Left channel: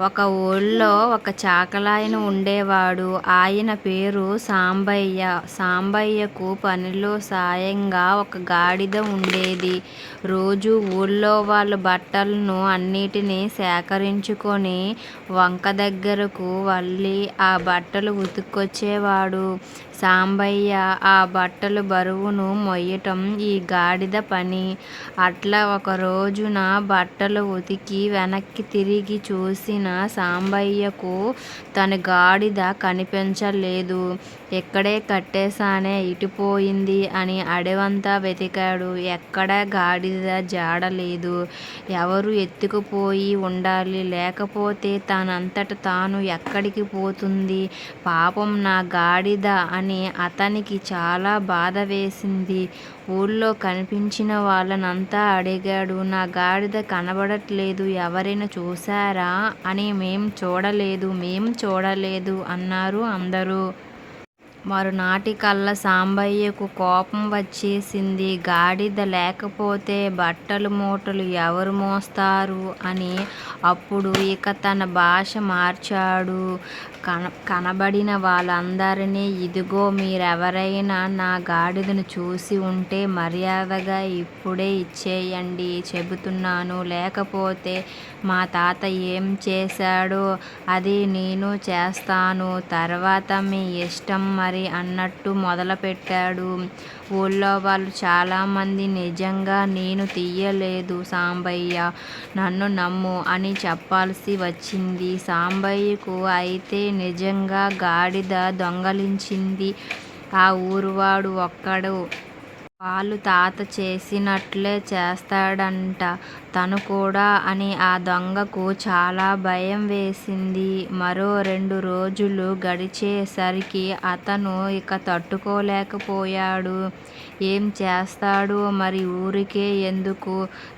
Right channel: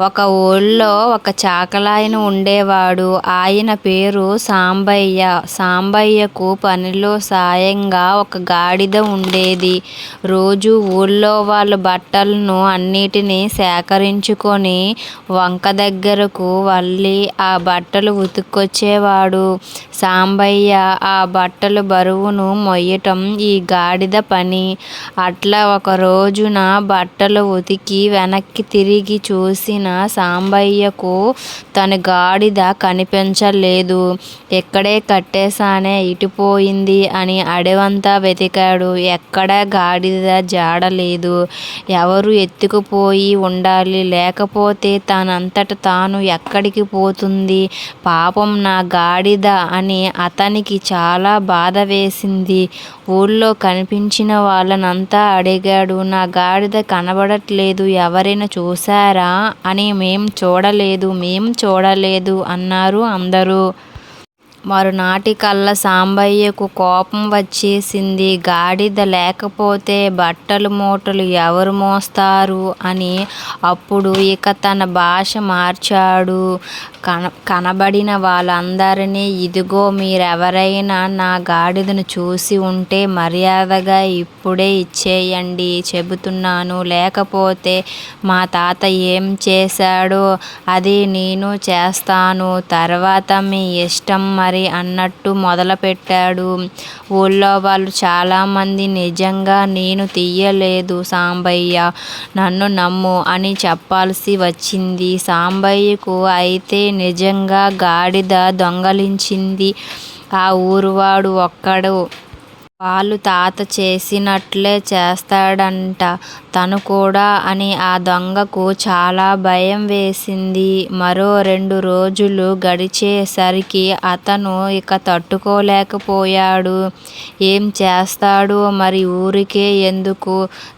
ఒక ఊళ్ళో ఒక చాకలాయన ఉండేవాడు. ఆయన పేరు సాంబయ్య. సాంబయ్యకు పనిలో సాయంగా ఒక గాడిద ఉండేది. రోజు ఊళ్ళో వాళ్ళ బట్టలను అన్నిటినీ సేకరించుకొని వంక దగ్గరకు వెళ్ళి ఆ బట్టలు ఉతుక్కొచ్చేవాడు. సాంబయ్య ఆ బట్టలు బరువును మొయ్యటం ఈ గాడిద పని. అట్లా ఒక రోజున బట్టలు ఉతికి వెనక్కి తిరిగి చూసిన సాంబయ్యకు తన గాడిద కనిపించలేదు. ఎక్కడే కట్టేశానే ఇటుపోయింది అని అడవంతా వెతికాడు. ఎక్కడా గాడిద జాడలేదు ఎవరు ఎత్తుకుపోయి ఉండాలి. లేకపోతే తనంతట తాను ఎక్కడికి పోతుంది? పాపం నా గాడిద అని అతనికి చాలా బాధ వేసింది. ఊళ్ళో కనిపించిన వాళ్ళనంతా అడిగాడు నా గాడిద కనబడట్లేదు ఎవరైనా చూశారా? అని మేం చూడలేదు మేం చూడలేదు అన్నారు అందరూ. మరునాటి కల్లా సాంబయ్యకు కోపం వచ్చేసింది. గాడిద లేకపోతే బట్టలు మూటలు ఎవరు మోస్తారు అని అప్పుడు ఇక తన భాష మార్చాడు. కన కనబడిన వాళ్ళందరినీ ఇదిగో మీరెవరైనా నా గాడిదను చూసి ఉంటే మర్యాదగా ఇప్పుడే ఇచ్చేయండి చెబుతున్నాను. లేకపోతే మా తాత ఏం చేశాడో అది నేను చేస్తాను. తర్వాత మీ ఇష్టం మరి అన్నట్టు మొదలుపెట్టాడు. ఊళ్ళో వాళ్ళు చాలామంది నిజంగా నేను తీయలేదు సాంబయ్య నన్ను నమ్ము అని చెప్పాల్సి వచ్చింది. సాంబయ్యకు అయితే నిజంగా గాడిద దొంగలించింది. ఆ ఊరువాడు ఒక్కడు. వాళ్ళు తాత చేసినట్లే చేస్తాడంట. తను కూడా అని ఆ దొంగకు చాలా భయం వేసింది. మరో రెండు రోజులు గడిచేసరికి అతను ఇక తట్టుకోలేకపోయాడు. ఏం చేస్తాడో మరి ఊరికే ఎందుకు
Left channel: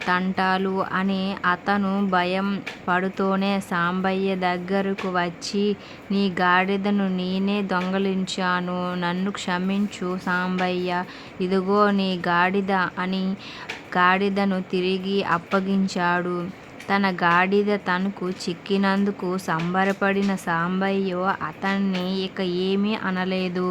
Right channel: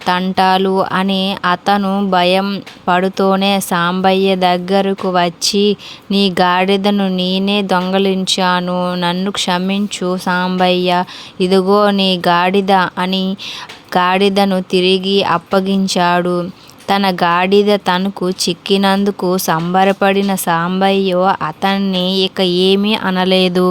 తంటాలు అని అతను భయం పడుతూనే సాంబయ్య దగ్గరకు వచ్చి నీ గాడిదను నేనే దొంగలించాను. నన్ను క్షమించు సాంబయ్య. ఇదిగో తీసుకొని గాడిద అని గాడిదను తిరిగి అప్పగించాడు. తన గాడిద తనకు చిక్కినందుకు సంబరపడిన సాంబయ్య అతన్ని ఇక ఏమీ అనలేదు.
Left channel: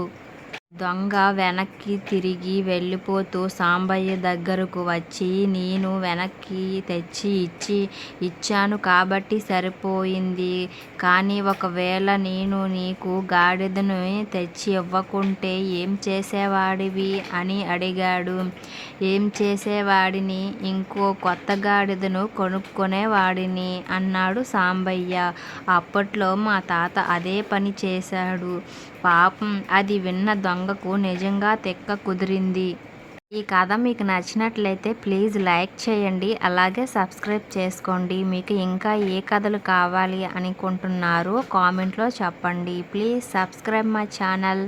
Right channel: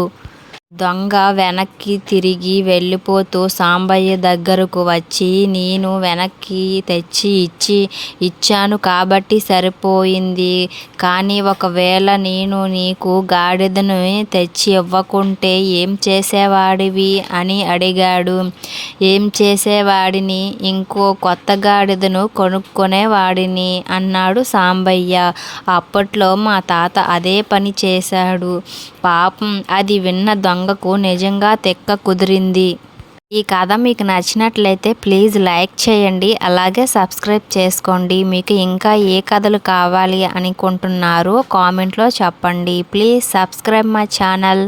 దొంగ వెనక్కి తిరిగి వెళ్ళిపోతూ సాంబయ్య దగ్గరకు వచ్చి నేను వెనక్కి తెచ్చి ఇచ్చి ఇచ్చాను కాబట్టి సరిపోయింది. కానీ ఒకవేళ నేను నీకు గాడిదను తెచ్చి ఇవ్వకుంటే ఏం చేసేవాడివి? అని అడిగాడు. ఏం చేసేవాడిని? ఇంకో కొత్త గాడిదను కొనుక్కునేవాడిని అన్నాడు సాంబయ్య. అప్పట్లో మా తాత అదే పని చేశాడు. పాపం అది విన్న దొంగ దొంగకు నిజంగా తెక్క కుదిరింది. ఈ కథ మీకు నచ్చినట్లయితే ప్లీజ్ లైక్ చేయండి అలాగే సబ్స్క్రైబ్ చేసుకోండి. మీకు ఇంకా ఏ కథలు కావాలి అనుకుంటున్నారో కామెంట్లో చెప్పండి. Please subscribe my channel.